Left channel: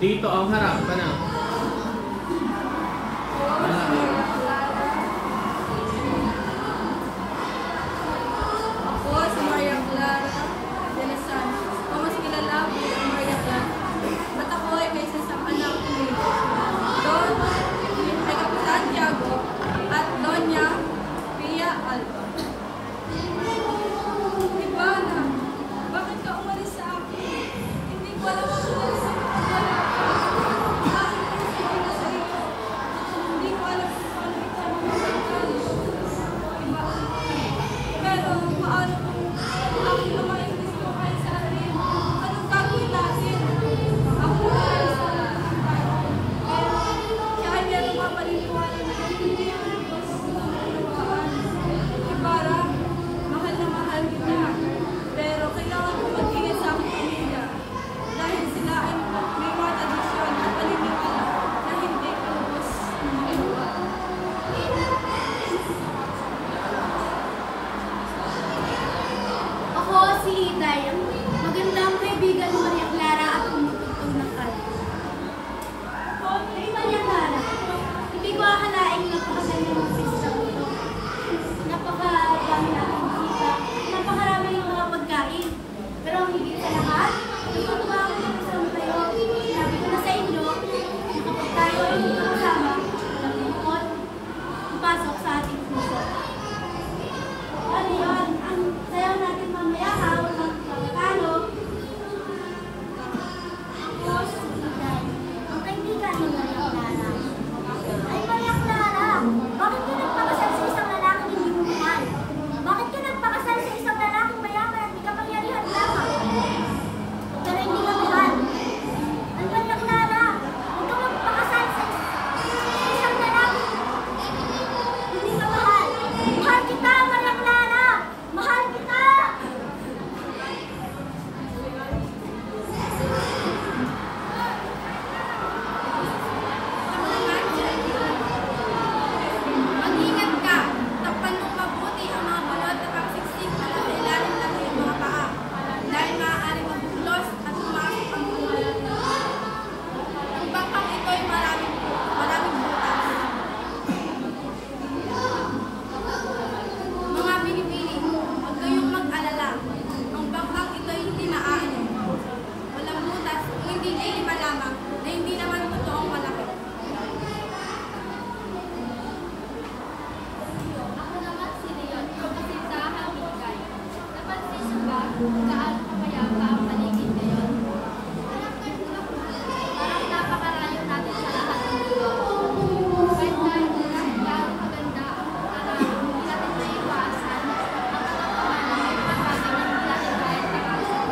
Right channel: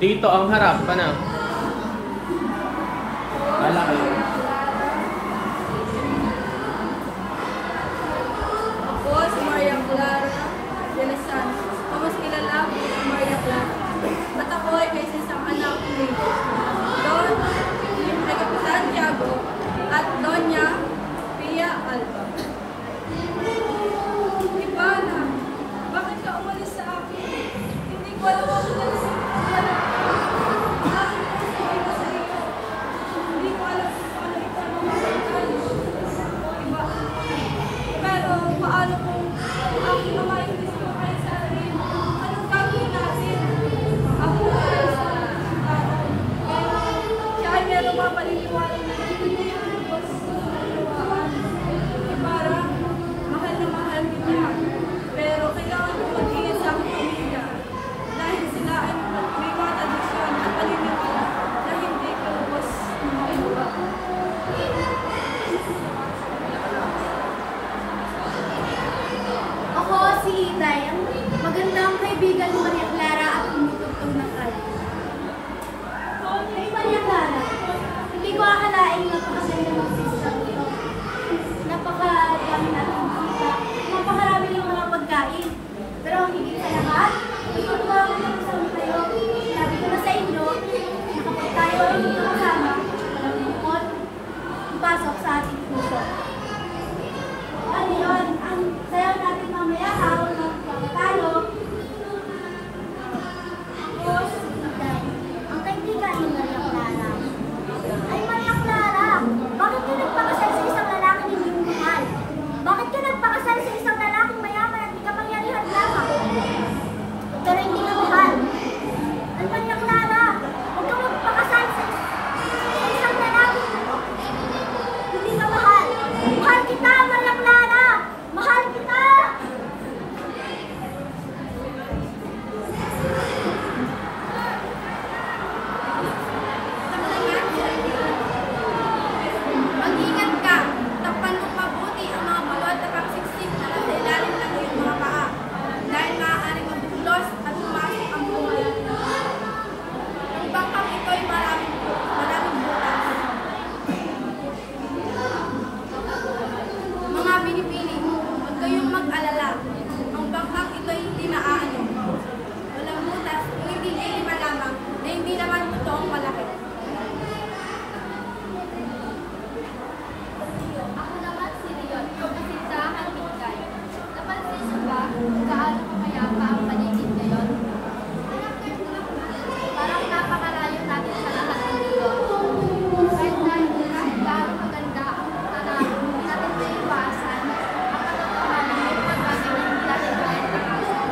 Dito ang harap, panang. Wala kayo. Ako si Maria Clara de la Sanz, o mas kilala bilang Maria Clara. At ako ay may isang anak ni Don Jacob Santiago at Doña Pia Alba. Ivana, bakit ka umalis sa akin? Hindi ko alam ako na sa wala ka. Sabi na sa iyo. Hindi ko alam kung paano ito mamagitan. Iba. Pero paano kung aking ama ay gusto kayo sa akin? Anong gagawin natin? Ako ay sa tao. Pero siya ay meron mga paniniwala na hindi ko lubos ng kalawaan. Para mahal na mahal kita. Pero kailangan ko mag-ingat sa aking pamilya. Dahil sila ay may mga tradisyon at paniniwala na hindi ko lubos ng magawa. Ako si Itay, ang magandang kaibigan ni Maria Clara at tumutugtog ng kal. Hey Maria Clara, hindi ko akalaing napakaganda ng pista ito. Napakadami natin kita, napakarami rin mga pagkain. Pero ang higit sa lahat, natutuwa ako na kasama tayo. Sabi ko na sa inyo, na kapag tayo ay dito kasama, walang lungkot, ipasok sa ating puso. Ano yun? Ang sayaw natin mamaya habang tayo. Ako si Itay, ang kaibigan ni Maria Clara. Ay Maria Clara, bakit ka nagpakasal sa isang lalaking hindi mo mahal? Bakit ka nagpakasal sa isang lalaking mayaman at di kapangyarihan lamang? Pero hindi ka mahal. Ay Maria Clara, huwag ka magpakasal sa isang lalaking hindi ka mahal. Mahal kita, Maria Clara! Mahal kita! Mag-ingat ka. Takpan mong mabuti ang mga balot na pangsiksik na nasa ilalim ng iyong mga paa. Dahil maaaring magbulos at pumasok ang buhay. Ang bangkang ito ay maraming butas. Mga binipili, huwag kayong mag-alala. Ang bangkang ito ay hindi maaano. Walang butas, kung hindi lima lamang, na hindi naman totoong malaki. Ako naman si Leon, kasintahan Mikay. Napansin niyo ba kung gaano kapayapa ang paligid ngayon? Parang napakalayo natin sa lahat ng mundo. Kahit gaano maganda ang tanawin natin sa iwasan, ang katotohanan ay mga bagay na hindi natin kaya takasan.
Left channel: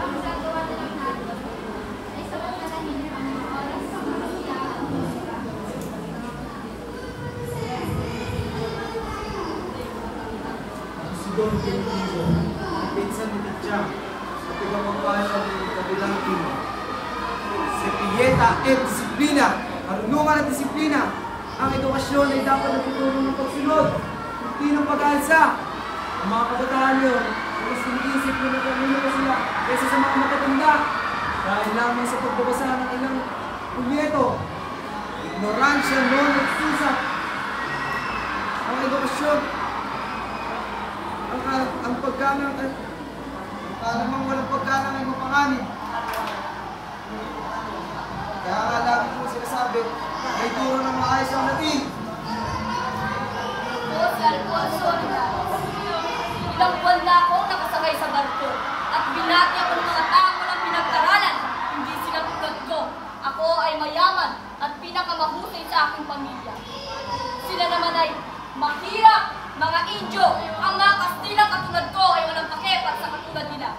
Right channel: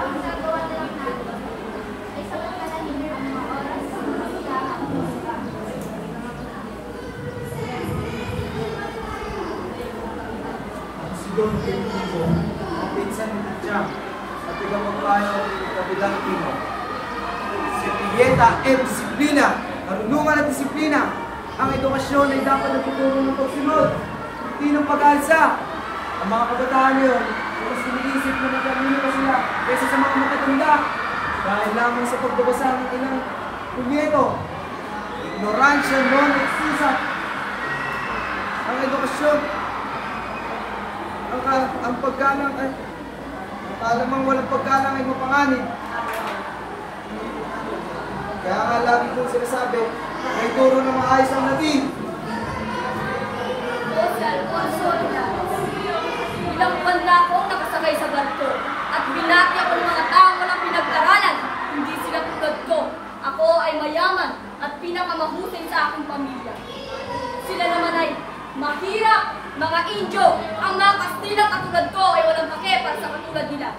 Ang gagawa na lang natin ay samantalahin ang mga oras sa musika at musika. Si Don Quinto, ang pinsan ni Titia, at ipapapaya ng kabilang timo. Si Pieta et Disiplina, karunungan at disiplina. Ang edukasyon ay dapat nagtuturo ng pagsunod, hindi ng pag-alsa. Ang mga kabataan ngayon, mas iniisip na matalino pa sila kaysa sa mga matatanda. Dahil lamang sa pagbabasa ng ilang punyeto, ignoransya non excusa. Ang edukasyon, ang paggalang ay alamang walang paggalang ay mapanganib. Kaya nga lagi kong sinasabi na ituro na maayos ang Latin. O si Alfonso Hernández. Ilang buwan na akong nakasakay sa barko at binati ako ng mga taong walang pinag-aralan. Hindi sila tulad ko. Ako ay mayaman at pinakamahusay sa aking pamilya. Sila naman ay mahirap, mga Indio. Ang mga Kastilang katulad ko ay walang pake para sa katulad nila.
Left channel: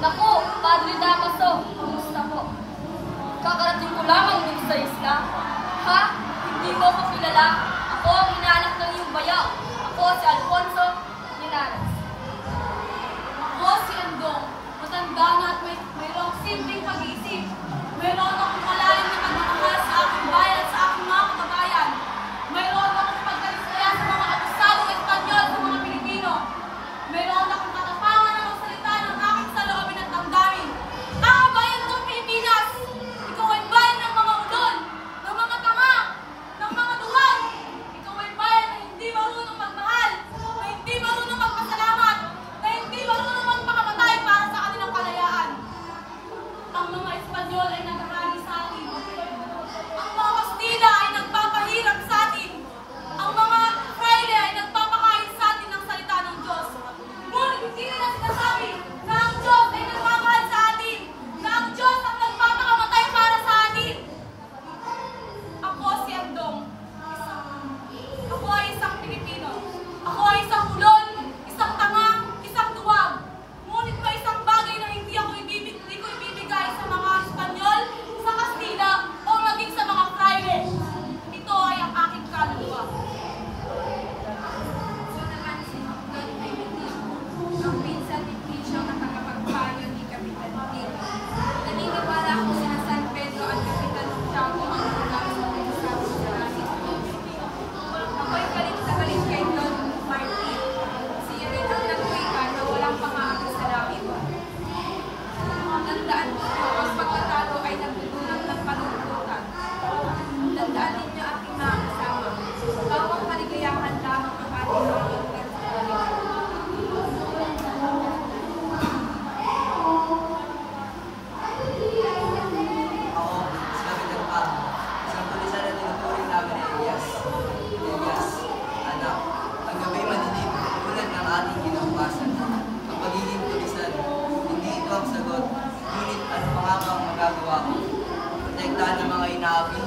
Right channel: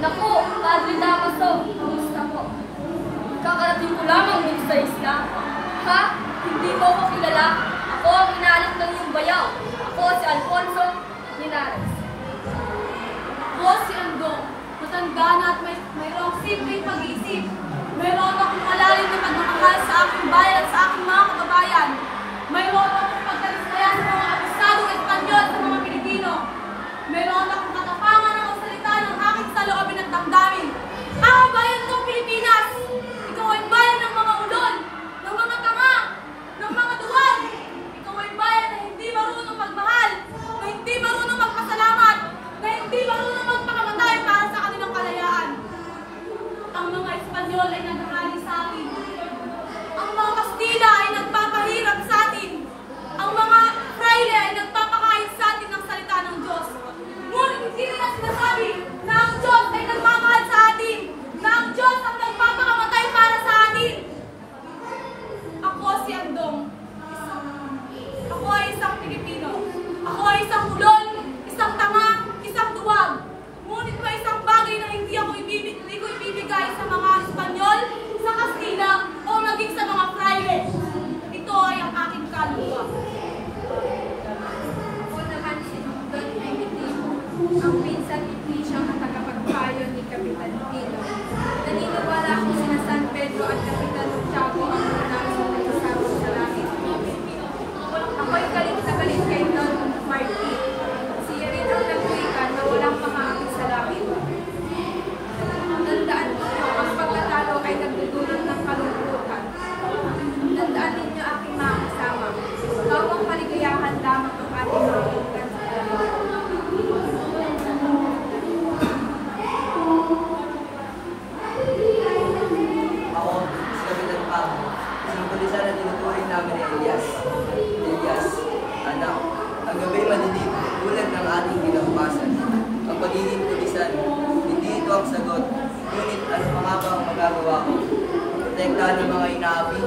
Naku, Padre Damaso, kumusta ko? Kakarating ko lamang dito sa isla. Ha? Hindi mo ako kilala? Ako ang inaanak ng iyong bayaw. Ako si Alfonso Linares. Ako si Andong. Matanda na at mayroong simpleng pag-iisip. Mayroon akong malalim na pagmamahal sa aking bayan at sa aking mga kababayan. Mayroon akong pagtalisaya sa mga abusadong Espanyol sa mga Pilipino. Mayroon akong katapangan na magsalita ng aking saloobin at damdamin. Bayan ng Pilipinas! Ikaw ay bayan ng mga ulol, ng mga tanga, ng mga duwag. Ikaw ay bayan na hindi marunong magmahal, na hindi marunong magpasalamat, na hindi marunong magpakamatay para sa kanilang kalayaan. Ang mga Espanyol ay nagkakali sa atin. Ang mga Kastila ay nagpapahirap sa atin. Ang mga Fraile ay nagpapakain sa atin ng salita ng Diyos. Ngunit hindi nila sinasabi na ang Diyos ay nagmamahal sa atin, na ang Diyos ang nagpapakamatay para sa atin. Ako si Andong. Ako ay isang Pilipino. Ako ay isang ulol, isang tanga, isang duwag. Ngunit may isang bagay na hindi ko ibibigay sa mga Espanyol, sa Kastila, o maging sa mga Fraile. Ito ay ang aking kaluluwa. Ako naman si Don Primitivo, ang pinsan ni Trisyang at tagapagpayo ni Kapitan Tino. Naniniwala akong sina San Pedro at Kapitan Tiago ang mananalo sa pag-usapon sa langit. Ako'y galit na galit kay Don Martin. Siya rin ang nagwika na walang pangaakit sa langit. Tandaan ninyo, ang pagkatalo ay nagdudulot ng kalungkutan. Tandaan ninyo aking mga kasama. Bawang kaligayahan lamang ang ating mga lugan sa kalamitan. Ako, si Kapitan Paco, isang tulisan na tinuturing namin ni Elias. Elias, anak, ang gabi madilim, tulad ng ating kinabukasan. Ang pagiging tulisan, hindi ito ang sagot, ngunit ano pa nga ba ang magagawa ko? Protektahan ng mga inaapi,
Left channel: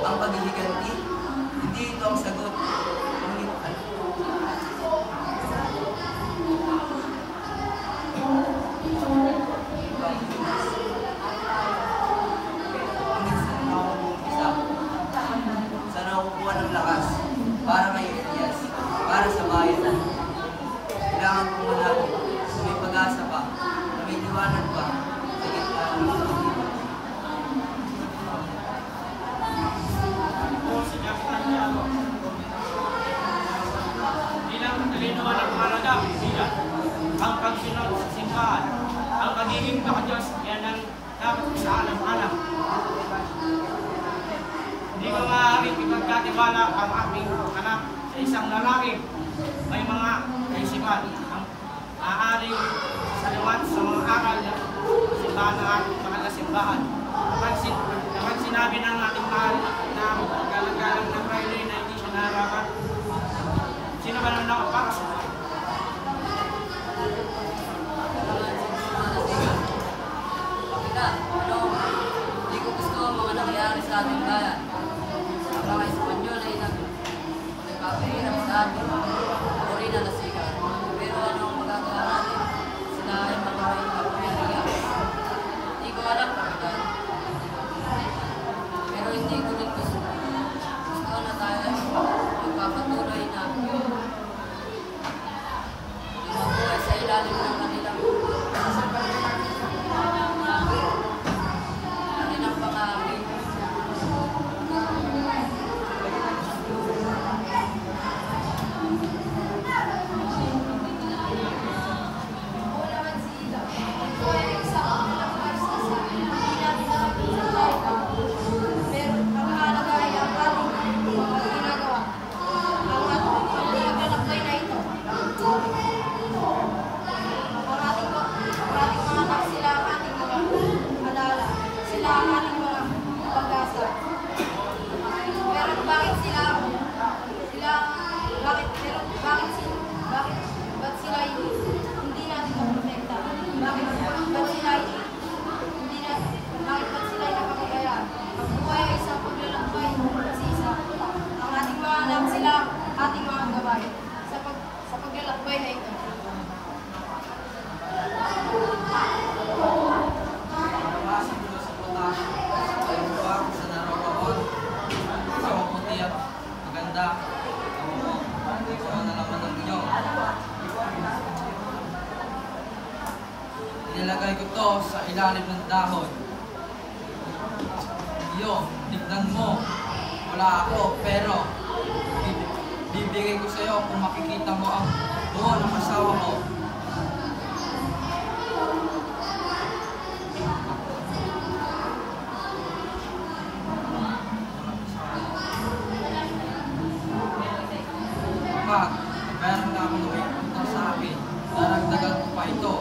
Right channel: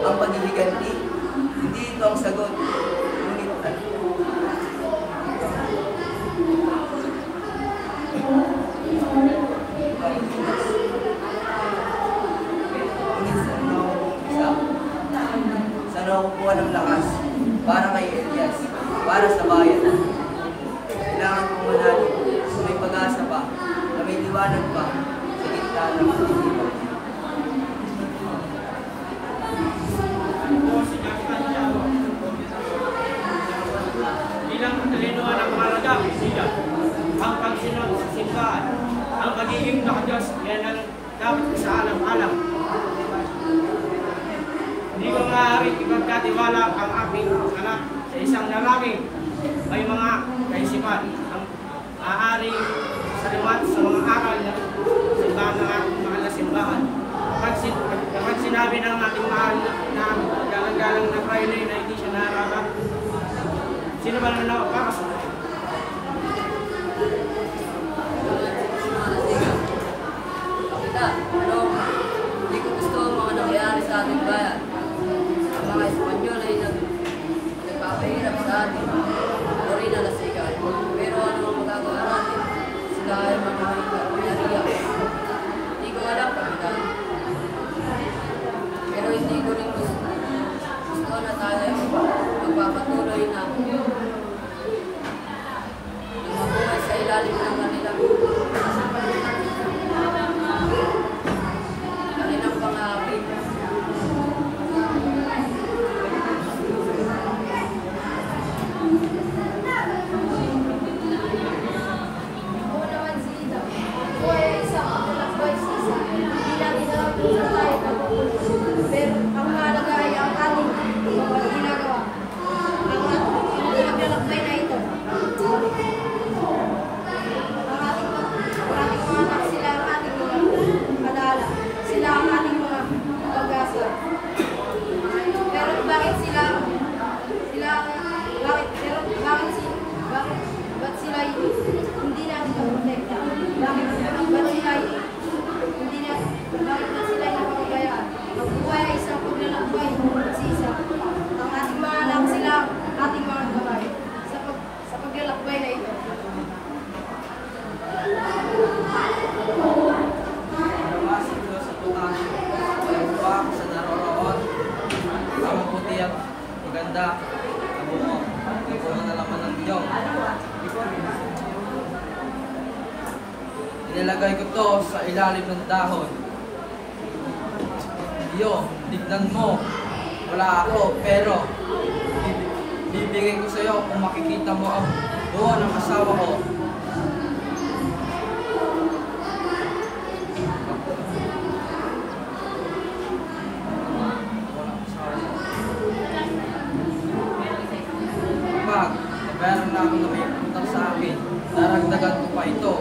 ang paghihiganti, hindi ito ang sagot, ngunit ano? Ang Pinas. Saan ako kukuha ng lakas para kay Elias, para sa bayan. Kailangan kong manalig sa may pag-asa pa, na may liwanag pa, sa gitna ng pag-ibig. Bilang katalinuhan ng mahalaga, kaibigan, ang pagsunod sa simbahan, ang pagiging nakadiyos, yan ang dapat sa alam-alam. Hindi ko maaaring ipagkatiwala ang aking anak sa isang lalaki. May mga kaisipan ang maaaring salimat sa mga aral ng simbahan ng ating mahal na simbahan. Kapag sinabi ng ating mahal na galang-galang na Fraile na hindi siya narama, sino ba nang nakapara sa atin? Kapitan, hindi ko gusto ang mga nangyayari sa ating bayan. Ang mga Espanyol ay nagpapahirap sa atin. Ako rin ang nasikat. Pero anong magagawa natin? Sila ay magiging kapangyarihan. Hindi ko alam, Kapitan. Pero hindi ko rin gusto na tayo ay magpapatuloy na mabuhay sa ilalim ng kanilang pangakit. Ako naman si Ida. Ako ay isang anak sisa. Hindi namin alam kung saan tayo papupunta. Pero ang mahalaga ay ang ating mga ginagawa. Ang pinaglakbay na ito. Ang ating mga anak, sila ang ating mga alaala. Sila ang ating mga pag-asa. Pero bakit sila hindi natin naprotekta? Bakit sila napagbigayaan? Ang buhay ay isang paglalakbay, isa. Ang ating mga anak, sila ang ating mga gabay sa paglalakbay na ito. Siguro sa putahe, ang buwak sa naroroon, ang maputi at maganda, kabuo, hindi ko man nalaman ng inyong. Inilagay ko to sa ilalim ng dahon. iyo. Tignan mo, wala ako, pero bibigay ko sa iyo kung makikita mo ang buo ng asawa ko. Kapag mabayaran na ako na may utang sa akin, daragdagan ko pa ito.